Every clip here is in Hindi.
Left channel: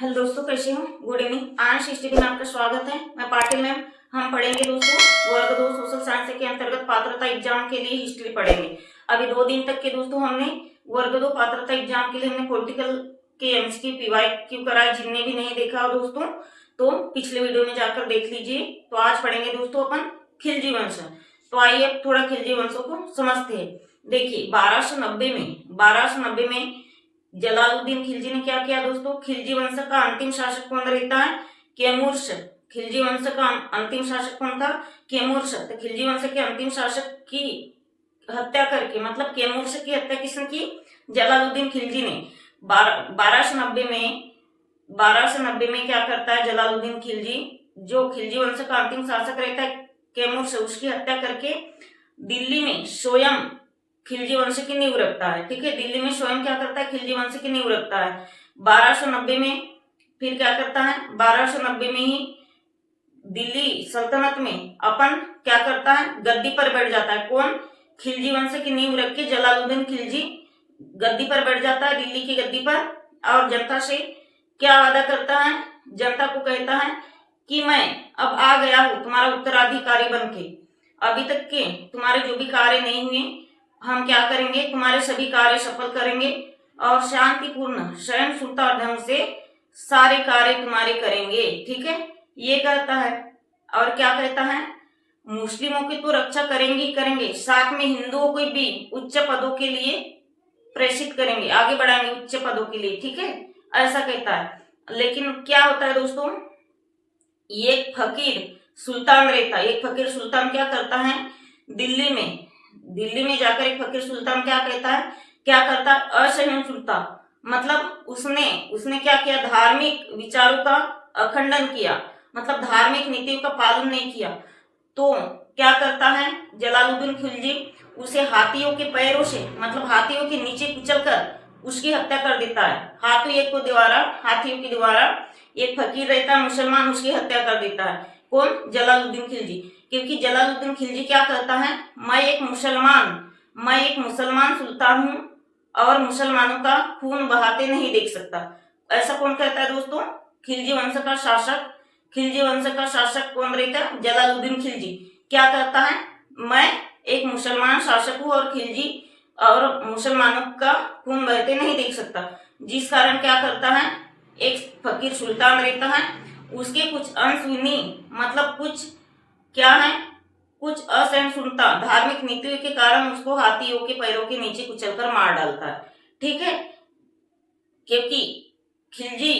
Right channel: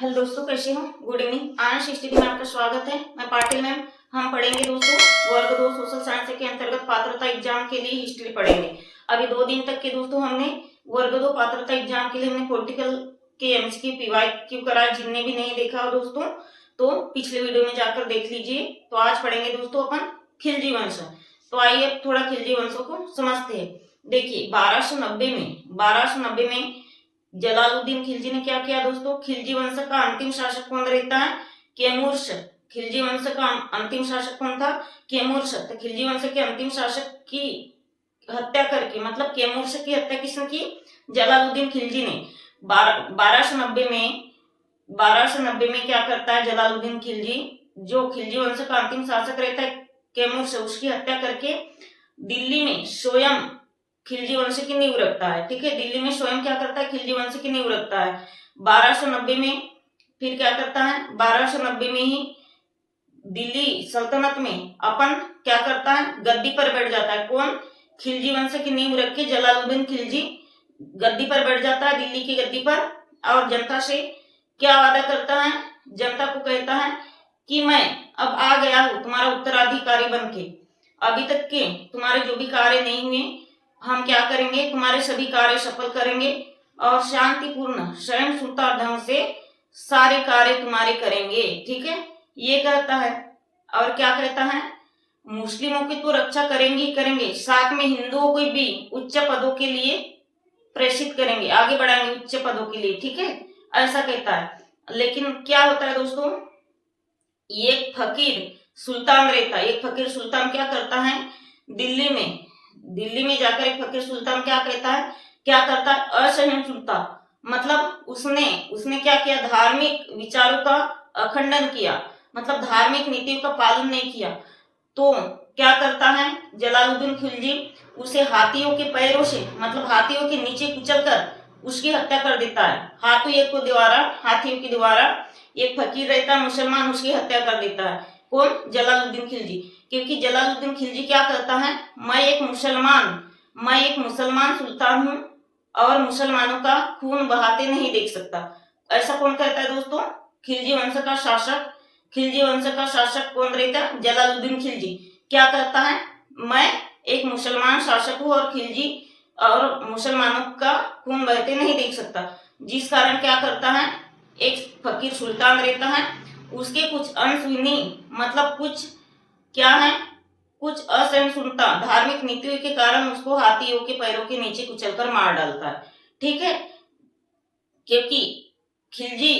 हेलो दोस्तों, कैसे हो? Good evening. आंश हिस्ट्री में आपका स्वागत है। मैं पाटिल मैम। हम पढ़ेंगे दोस्तों वर्ग 2 सोशल साइंस के अंतर्गत पात्रता एग्जाम के लिए हिस्ट्री पढ़ेंगे। अभी 2 दिन तक के दोस्तों हमने वर्ग 2 पात्रता एग्जाम के लिए हमने पॉलिटिकल के एमसीक्यू पीवाईक्यू कराया। जिनने भी नहीं देखा हो दोस्तों तो पिछले वीडियो में जाकर देख लीजिए। तो आज पढ़ेंगे दोस्तों अपन खिलजी वंश। तो आइए अब थोड़ा खिलजी वंशों को समझते हैं। देखिए 1290 में जलालुद्दीन खिलजी ने क्या किया दोस्तों? खिलजी वंश का अंतिम शासक कौन रहता है? कैमूर्श। खिलजी वंश का अंतिम शासक कौन था? कैमूर्श। तो खिलजी वंश के अंतिम शासक की हत्या करके, मतलब कैमूर्श की हत्या किसने की? जलालुद्दीन खिलजी ने। 1290 में क्या करता है जलालुद्दीन खिलजी? जो खिलजी वंश का अंतिम शासक रहता है कैमूर्श, उसकी हत्या करके दिल्ली में स्वयं खिलजी वंश की नींव रखता है। ठीक है, दिल्ली में स्वयं क्या करता है? खिलजी वंश की नींव रखता है। 1290 में फिर क्या करता है? 1290 में ही दिल्ली सल्तनत में अपन क्या करता है? गद्दी पर बैठ जाता है। कौन? खिलजी वंश की नींव रख के जलालुद्दीन खिलजी गद्दी पर बैठ जाता है, दिल्ली की गद्दी पर। और जनता से क्या वादा करता है? जनता को कहता है कि मैं अब आ गया हूं तुम्हारा उत्तराधिकारी बन के। अभी तक के तुम्हारे जो भी कार्य नहीं हुए हम क्या करेंगे? तुम्हारे सभी कार्य सफल करेंगे और शांतिपूर्ण सहिष्णुता ढंग से सारे कार्य तुम्हारे करेंगे। ठीक है, ये कहता है। और क्या कहता है? मुस्लिमों की तो रक्षा करेंगे ही करेंगे, साथ में हिंदुओं को भी उच्च पदों के लिए प्रेषित करेंगे, आगे बढ़ाएंगे उच्च पदों के लिए। ठीक है, ऐसा कहता है। लेकिन क्या होता है दोस्तों? एक फकीर सुल्तान रहता है। एक फकीर सुल्तान क्या करता है? दिल्ली में जाकर एक फकीर सुल्तान क्या कहता है? क्या करता है? असहिष्णुता, मतलब उसने क्या किया? धार्मिक विचारों का अखंडन किया, मतलब धार्मिक नीतियों का पालन नहीं किया। तो क्या करता है जलालुद्दीन खिलजी? उसे हाथियों के पैरों से, मतलब हाथियों के नीचे कुचलकर उसकी हत्या कर देता है। हाथियों के द्वारा एक फकीर रहता है मुसलमान, उसकी हत्या कर देता है। कौन? जलालुद्दीन खिलजी। क्योंकि जलालुद्दीन खिलजी क्या कहता है? मैं एक मुसलमान सुल्तान हूं और मुसलमानों का खून बहाते नहीं देख सकता। ऐसा कौन कहता है दोस्तों? खिलजी वंश का शासक। खिलजी वंश का शासक कौन रहता है? जलालुद्दीन खिलजी। क्या कहता है? मैं एक मुसलमान शासक हूं और खिलजी और मुसलमानों का खून बहते नहीं देख सकता। जिस कारण क्या करता है? एक फकीर सुल्तान रहता है, उसके कुछ अनसुनी, मतलब कुछ क्या है, कुछ असहिष्णुता धार्मिक नीतियों के कारण उसको हाथियों के पैरों के नीचे कुचलकर मार डालता है। ठीक है, क्योंकि खिलजी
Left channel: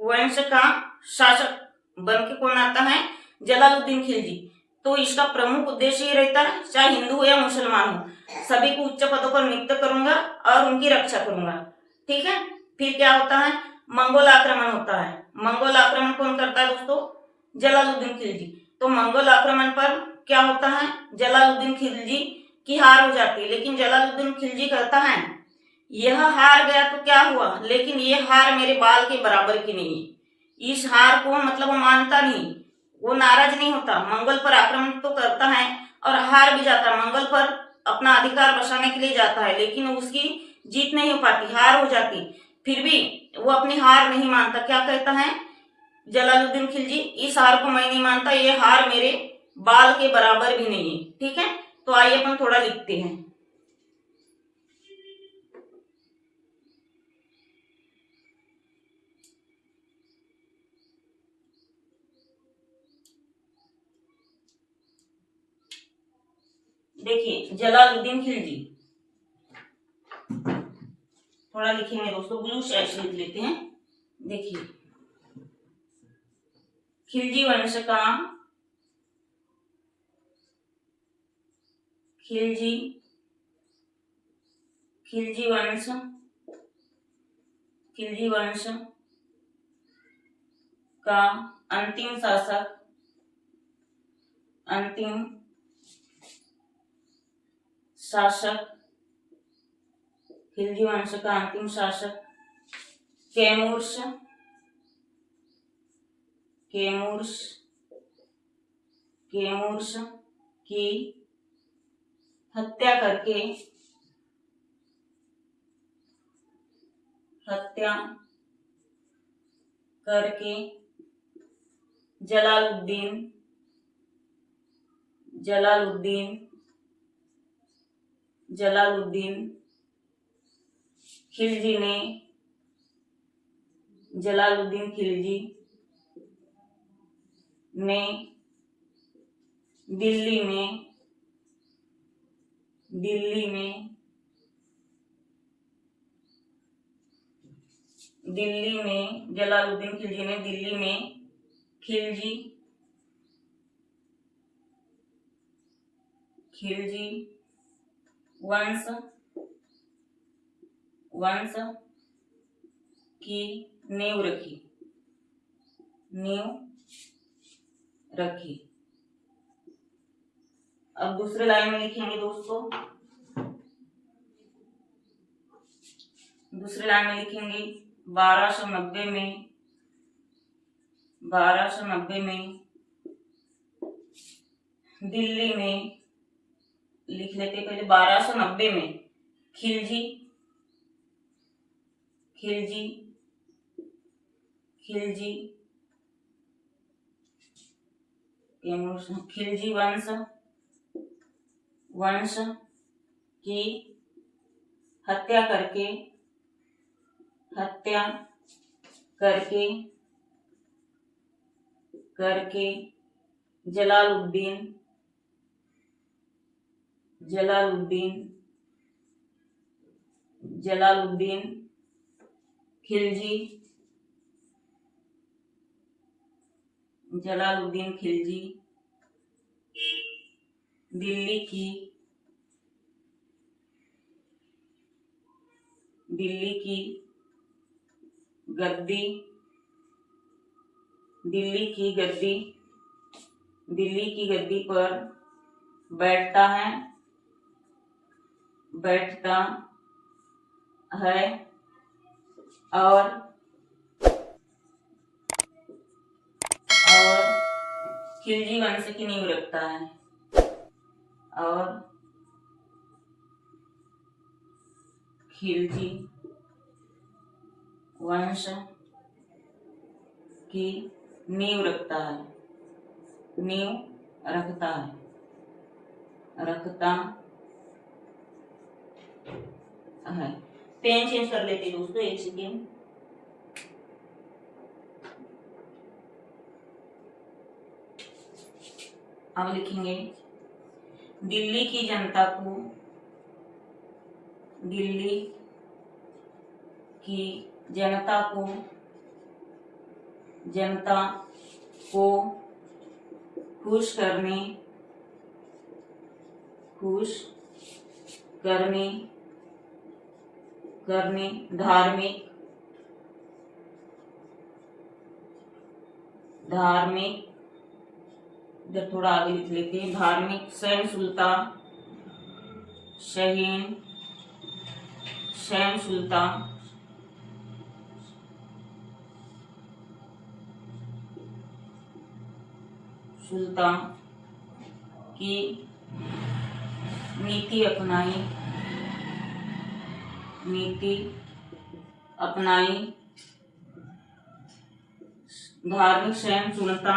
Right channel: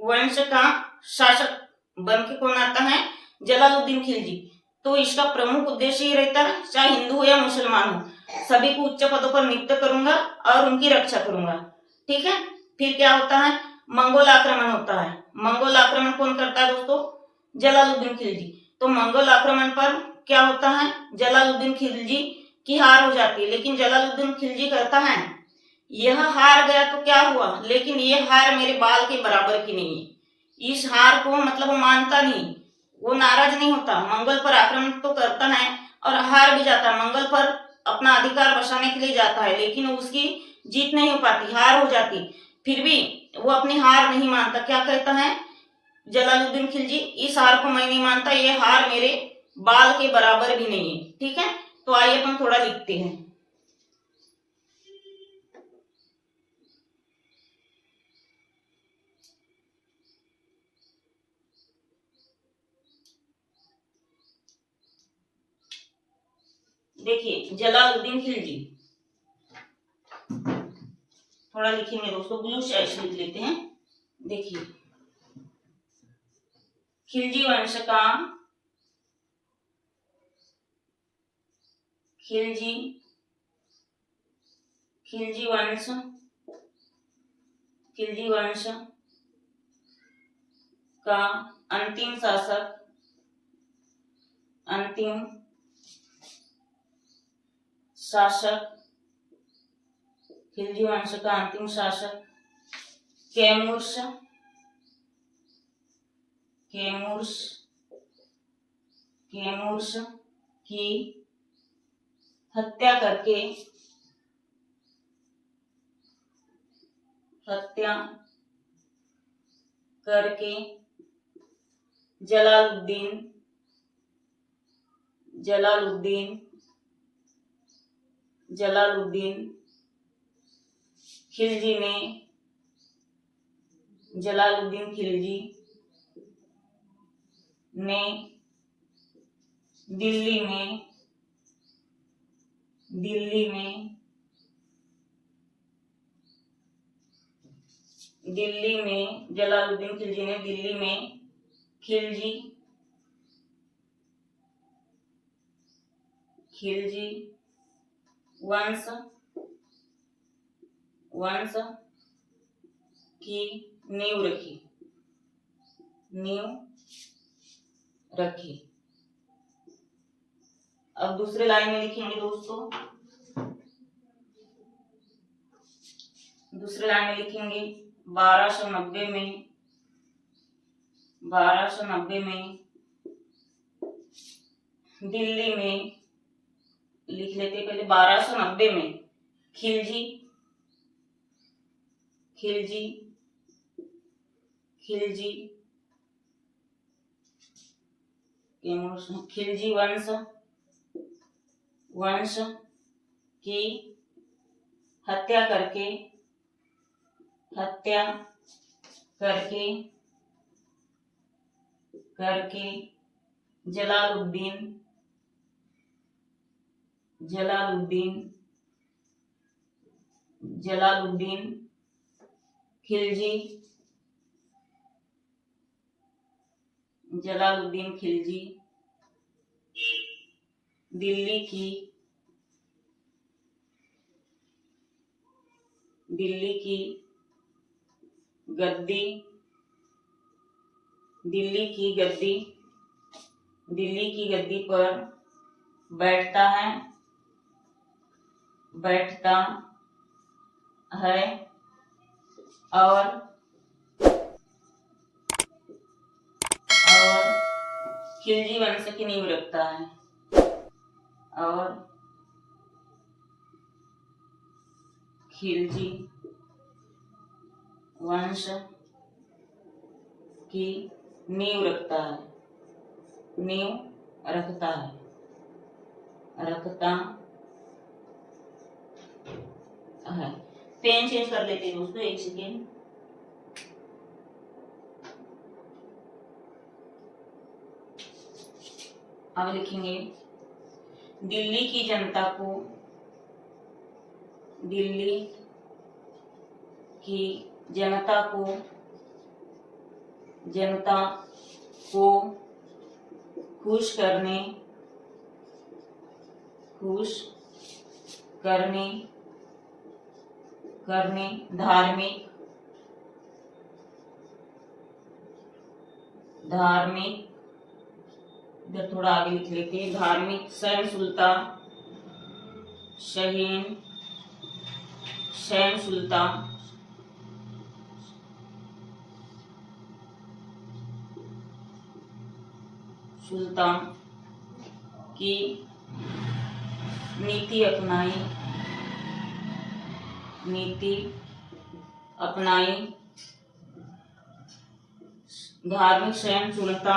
वंश का शासक बन के कौन आता है? जलालुद्दीन खिलजी। तो इसका प्रमुख उद्देश्य ही रहता है, चाहे हिंदू हो या मुसलमान हो, सभी को उच्च पदों पर नियुक्त करूंगा और उनकी रक्षा करूंगा। ठीक है, फिर क्या होता है? मंगोल आक्रमण होता है। मंगोल आक्रमण कौन करता है दोस्तों? जलालुद्दीन खिलजी। तो मंगोल आक्रमण पर क्या होता है? जलालुद्दीन खिलजी की हार हो जाती है। लेकिन जलालुद्दीन खिलजी कहता है यह हार गया तो क्या हुआ, लेकिन यह हार मेरे बाल के बराबर की नहीं है। इस हार को मतलब वो मानता नहीं, वो नाराज नहीं होता। मंगल पर आक्रमण तो करता है और हार भी जाता है। मंगल पर अपना अधिकार बचाने के लिए जाता है, लेकिन उसकी जीत नहीं हो पाती, हार हो जाती। फिर भी वो अपनी हार नहीं मानता। क्या कहता है जलालुद्दीन खिलजी? इस हार को मैं नहीं मानता, ये हार मेरे बाल के बराबर भी नहीं है। ठीक है, तो आइए अपन थोड़ा लिखते हैं। देखिए जलालुद्दीन खिलजी, थोड़ा लिखेंगे दोस्तों, ब्लू शेड्स लिख लेते हैं। देखिए खिलजी वंश का खिलजी खिलजी वंश खिलजी वंश का अंतिम शासक खिलजी वंश का अंतिम शासक कैमूर्श कैमूर्श कैमूर्श की हत्या करके जलालुद्दीन जलालुद्दीन जलालुद्दीन खिलजी ने जलालुद्दीन खिलजी ने दिल्ली में जलालुद्दीन खिलजी ने दिल्ली में खिलजी वंश की नींव रखी। अब दूसरे लाइन में लिखेंगे दोस्तों, दूसरे लाइन में लिखेंगे 1290 में दिल्ली में, लिख लेते पहले 1290 में खिलजी वंश की हत्या करके जलालुद्दीन खिलजी दिल्ली की गद्दी पर बैठता है और खिलजी वंश की नींव रखता है और खिलजी वंश की नींव रखता है। पेन चेंज कर लेते हैं दोस्तों, एक सेकेंड। अब लिखेंगे दिल्ली की जनता को खुश करने धार्मिक इधर थोड़ा आगे लिख लेते हैं, धार्मिक शहन सुल्तान की नीति अपनाई। धार्मिक सहिष्णुता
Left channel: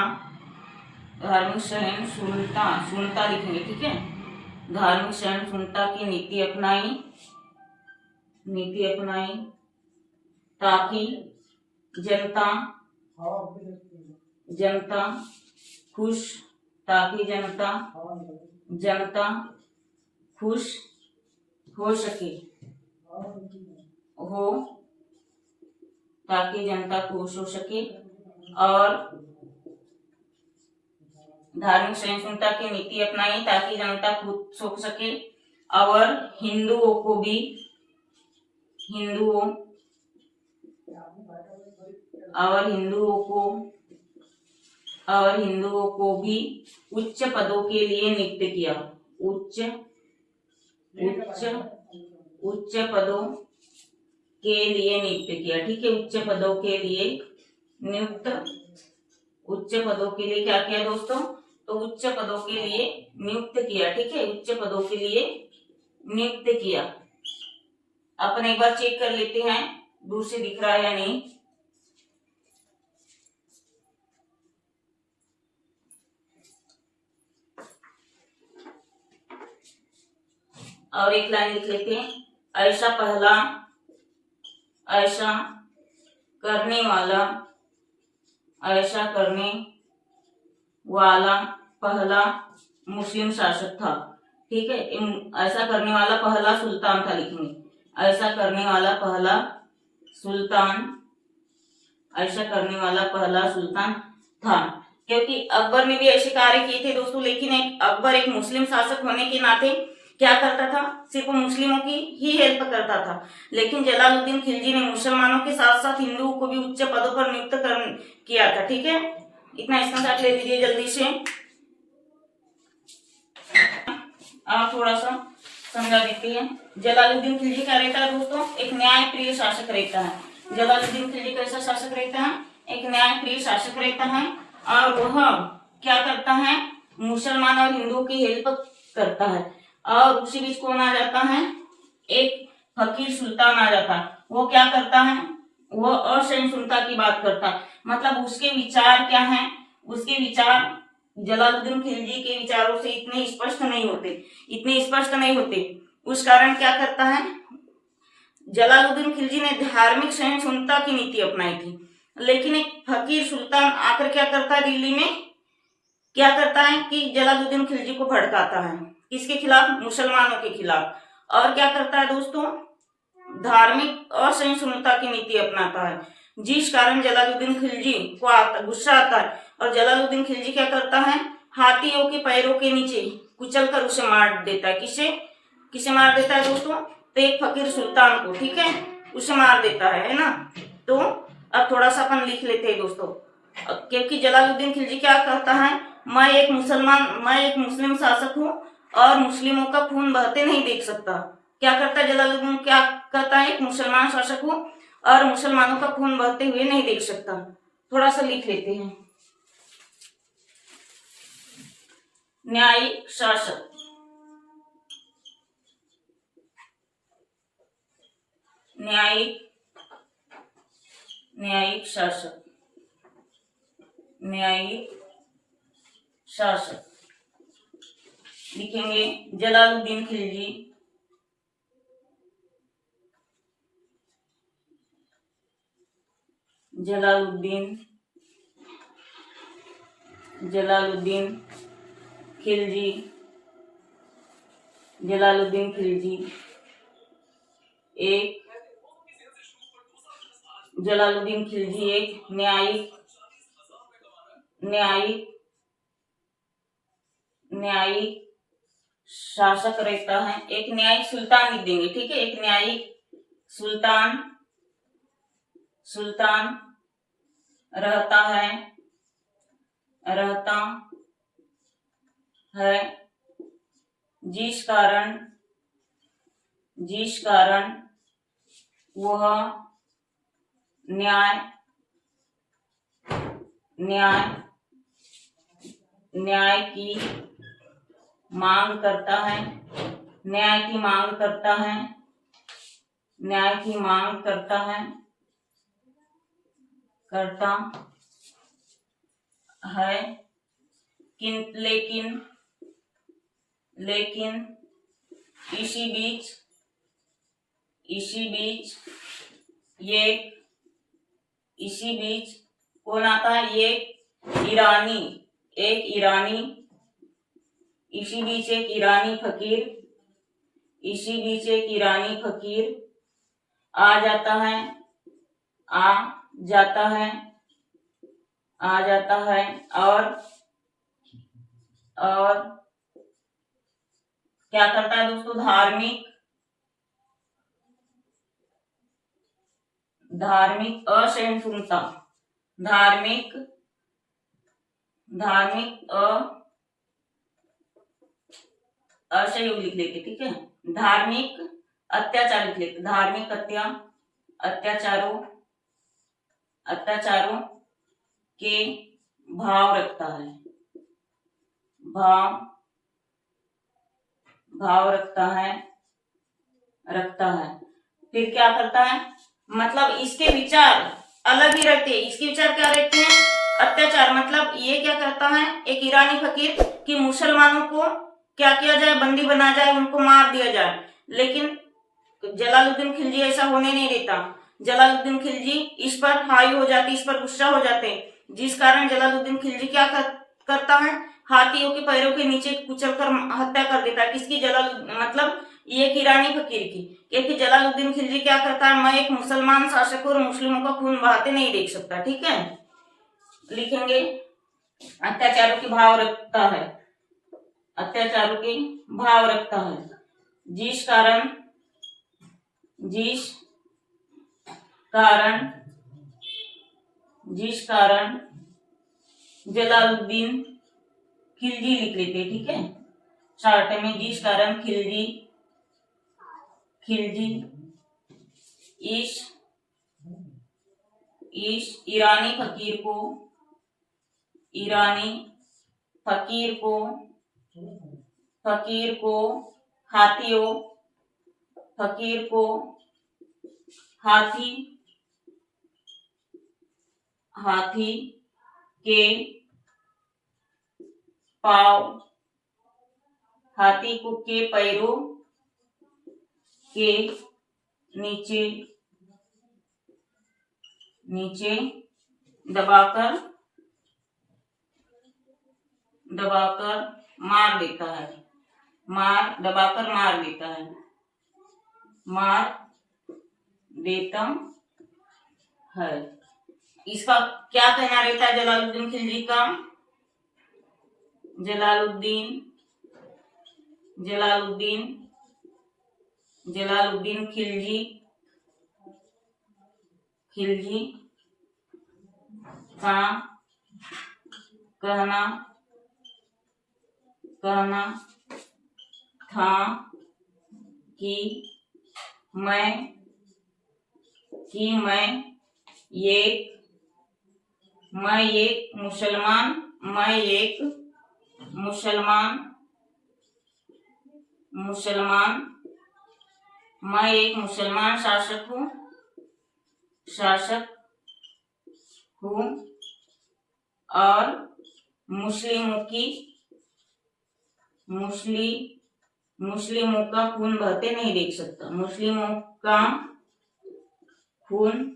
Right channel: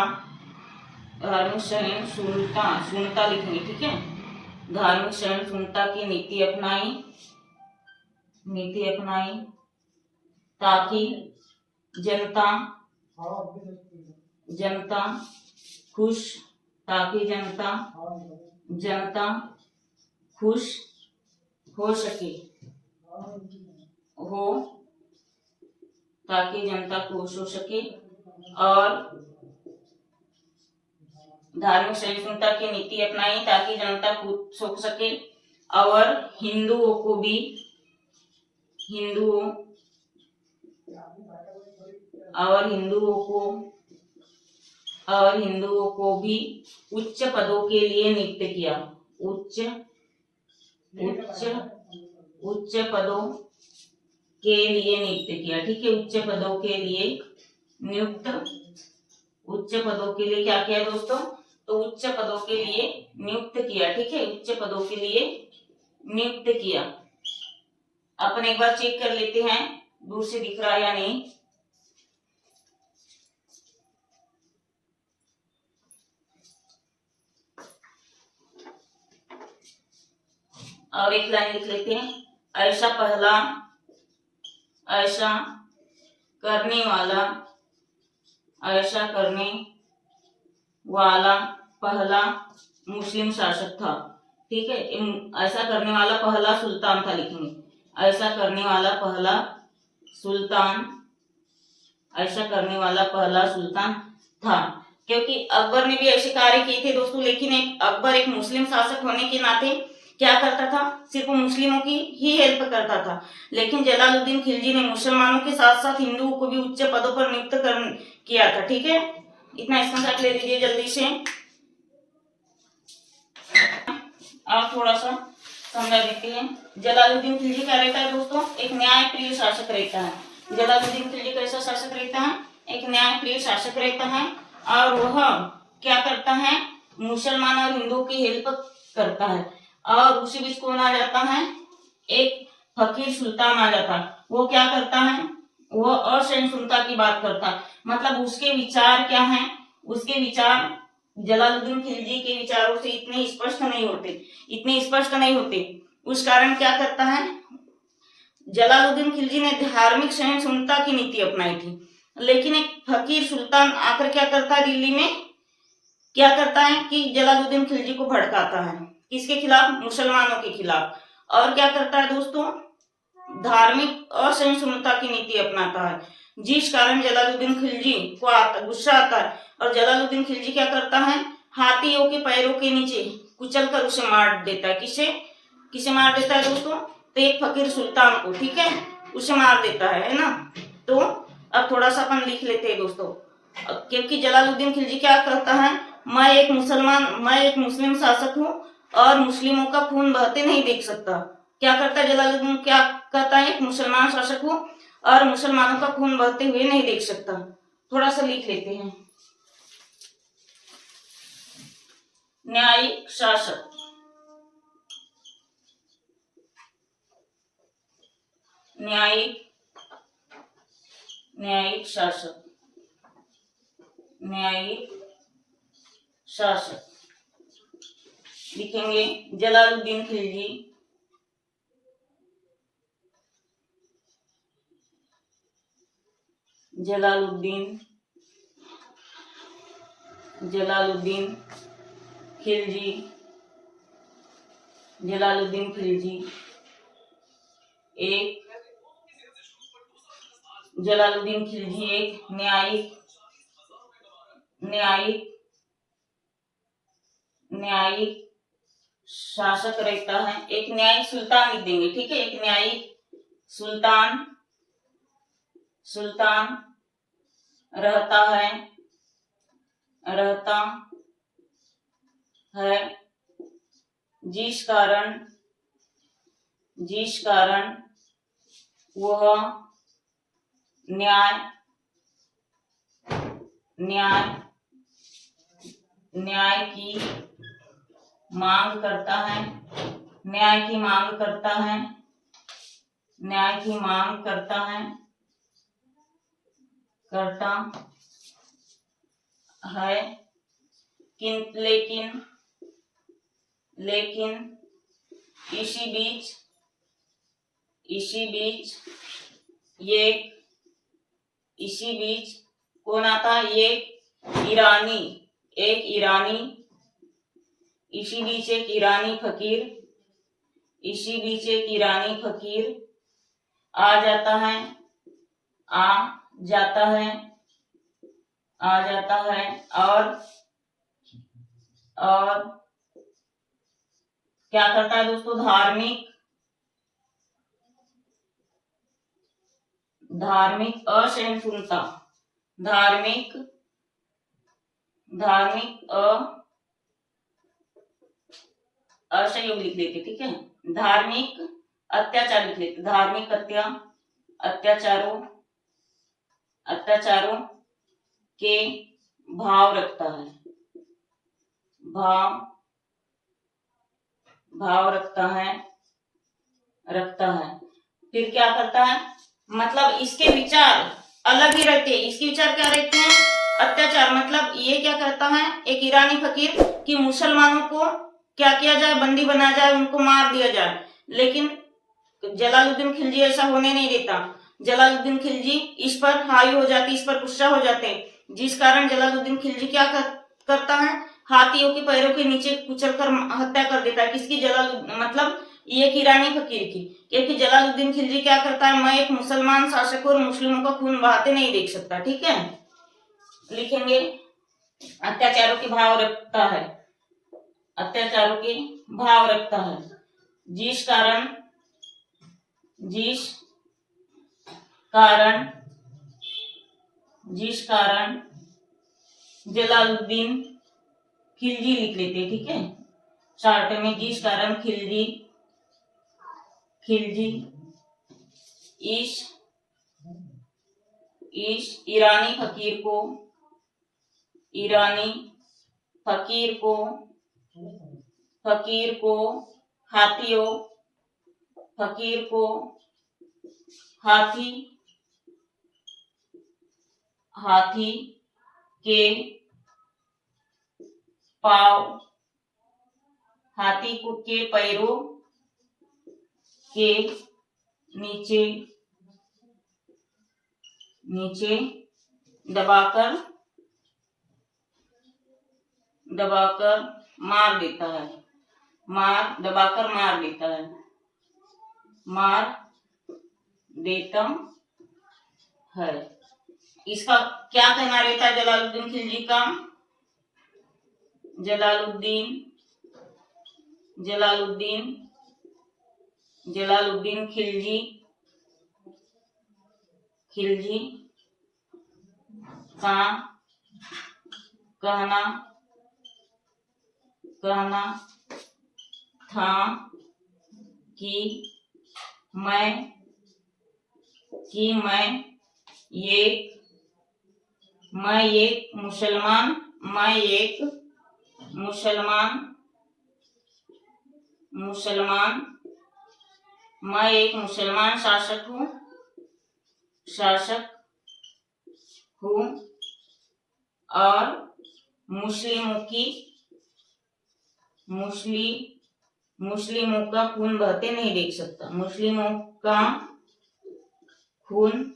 लिखेंगे, ठीक है। धार्मिक सहिष्णुता की नीति अपनाई ताकि जनता खुश हो सके और धार्मिक सहिष्णुता की नीति अपनाई ताकि जनता खुश हो सके और हिंदुओं को भी उच्च पदों के लिए नियुक्त किया। उच्च पदों के लिए नियुक्त किया, ठीक है। उच्च पदों के लिए क्या किया दोस्तों? तो उच्च पदों के लिए नियुक्त किया, ठीक है। उच्च पदों के लिए नियुक्त किया। अपन एक बार चेक कर लेते हैं दूर से दिख रहा है या नहीं। और एक लाइन लिख लेते हैं, ऐसा करने वाला पहला मुस्लिम शासक था। ठीक है, ऐसा करने वाला पहला सुल्तान था लिखेंगे, ऐसा करने वाला पहला सुल्तान था। क्योंकि अकबर ने भी ऐसे कार्य किए थे दोस्तों, लेकिन अकबर एक मुस्लिम शासक होने के नाते क्या करता था, सिर्फ मुस्लिमों की ही हेल्प करता था। लेकिन जलालुद्दीन खिलजी ने मुसलमानों के साथ साथ हिंदुओं को भी उच्च पदों पर नियुक्त किया था। ठीक है, इतना इसका साथ ले लीजिए जल्दी से। और थोड़ा सा समझा देते हैं। जलालुद्दीन खिलजी क्या रहता है दोस्तों, एक न्यायप्रिय शासक रहता है। जलालुद्दीन खिलजी कैसा शासक रहता है, एक न्यायप्रिय शासक रहता है। और वह क्या करता है, मुसलमान और हिंदुओं की हेल्प करता है। और उसी बीच कौन आ जाता है, एक फकीर सुल्तान आ जाता है। वो क्या करता है, वो असहिष्णुता की बात करता है। मतलब उसके विचार क्या हैं, उसके विचार जलालुद्दीन खिलजी के विचारों से इतने स्पष्ट नहीं होते। उस कारण क्या करता है, जलालुद्दीन खिलजी ने धार्मिक सहिष्णुता की नीति अपनाई थी। लेकिन एक फकीर सुल्तान आकर क्या करता है, दिल्ली में क्या करता है कि जलालुद्दीन खिलजी को भड़काता है। किसके खिलाफ, मुसलमानों के खिलाफ। और क्या करता है दोस्तों, धार्मिक असहिष्णुता की नीति अपनाता है, जिस कारण जलालुद्दीन खिलजी को गुस्सा आता है। और जलालुद्दीन खिलजी क्या करता है, हाथियों के पैरों के नीचे कुचल कर उसे मार देता है। किसे मार देता है दोस्तों, तो एक फकीर सुल्तान को, ठीक है, उसे मार देता है ना। तो अब थोड़ा सा अपन लिख लेते हैं दोस्तों, क्योंकि जलालुद्दीन खिलजी क्या करता है, मैं एक मुस्लिम शासक हूँ और मुस्लिमों का खून बहते नहीं देख सकता। क्या करता है जलालुद्दीन, क्या कहता है, एक मुसलमान शासक हूँ और मुसलमानों का खून बहते हुए नहीं देख सकता। थोड़ा सा लिख लेते हैं, न्यायिक शासक। न्यायिक शासक लिखेंगे, जलालुद्दीन खिलजी जलालुद्दीन खिलजी एक न्यायिक शासक रहता है। एक न्यायिक सुल्तान लिख देंगे, ठीक है, एक न्यायिक सुल्तान रहता है, जिस कारण वह न्याय की मांग करता है। लेकिन इसी बीच कौन आता है, एक ईरानी फकीर आ जाता है और क्या करता है दोस्तों, धार्मिक असहिष्णुता असहयोग लिख देते, ठीक है, धार्मिक अत्याचार लिख लेते, धार्मिक अत्याचारों के भाव रखता है। फिर क्या करता है, मतलब इसके विचार अलग ही रहते हैं। इसके विचार क्या रहते हैं, अत्याचार। मतलब ये क्या करता है, एक ईरानी फकीर कि मुसलमानों को क्या किया जाए, बंदी बनाया जाए, उनको मार दिया जाए। लेकिन जलालुद्दीन खिलजी ऐसा होने नहीं देता। जलालुद्दीन खिलजी इस पर हावी हो जाते, इस पर गुस्सा हो जाते, जिस कारण जलालुद्दीन खिलजी क्या करता है, हाथियों के पैरों के नीचे कुचलकर हत्या कर देता है। किसकी? मतलब ये ईरानी फकीर की। क्योंकि जलालुद्दीन खिलजी क्या करता है, मैं एक मुसलमान शासक और मुस्लिमों का खून बहाते नहीं देख सकता। ठीक है, लिखेंगे अत्याचारों के भाव रखता है, अत्याचारों के भाव रखता है, जिस कारण जलालुद्दीन खिलजी लिख लेते। ठीक है, शॉर्ट में, जिस कारण खिलजी इस ईरानी फकीर को हाथी के पैरों के नीचे दबाकर मार देता है। इसका क्या कहना रहता है जलालुद्दीन खिलजी का? जलालुद्दीन खिलजी का कहना था कि मैं एक मुसलमान शासक हूँ और मुस्लिमों का खून बहते नहीं देख सकता। मुस्लिमों का खून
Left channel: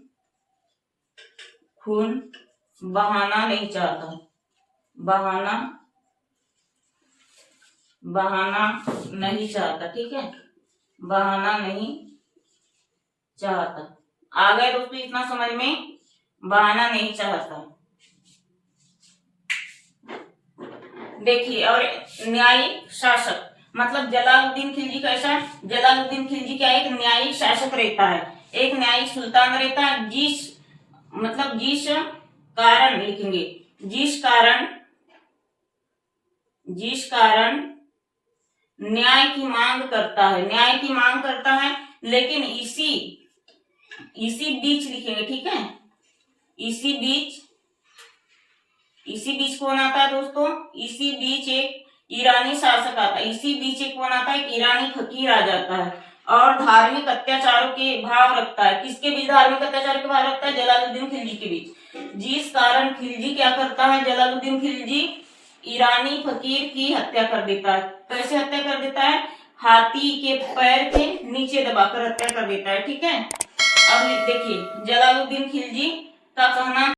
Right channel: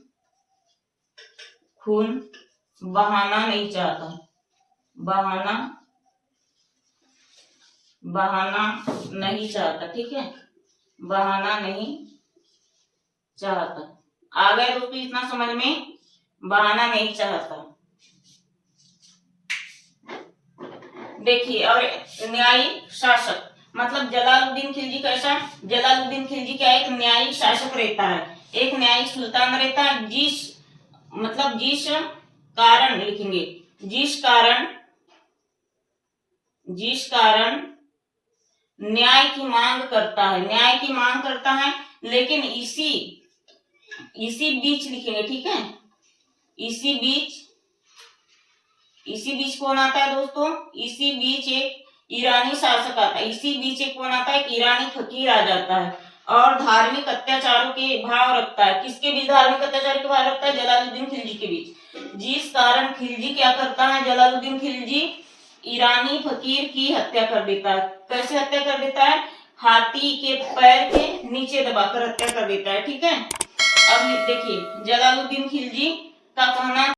बहाना नहीं चाहता, ठीक है, बहाना नहीं चाहता। आ गए दोस्तों इतना समझ में? बहाना नहीं चाहता। देखिए, और न्यायिक शासक, मतलब जलालुद्दीन खिलजी कैसा? जलालुद्दीन खिलजी क्या, एक न्यायिक शासक रहता है, एक न्यायिक सुल्तान रहता है, जिस कारण लिखेंगे, जिस कारण न्याय की मांग करता है, लेकिन इसी बीच लिखेंगे। ठीक है, इसी बीच कौन आता है दोस्तों? इसी बीच एक ईरानी शासक आता है, इसी बीच एक कौन आता है? एक ईरानी फकीर आ जाता है और धार्मिक अत्याचारों के भाव रखता है। किसके बीच धार्मिक अत्याचार के भाव रखता है? जलालुद्दीन खिलजी के बीच। जिस कारण खिलजी क्या करता है? जलालुद्दीन खिलजी ईरानी फकीर की हत्या कर देता है। कैसे हत्या कर देता है? हाथी के पैर के नीचे दबाकर हत्या कर देता है। ठीक है, अब देखिए जलालुद्दीन खिलजी का कहना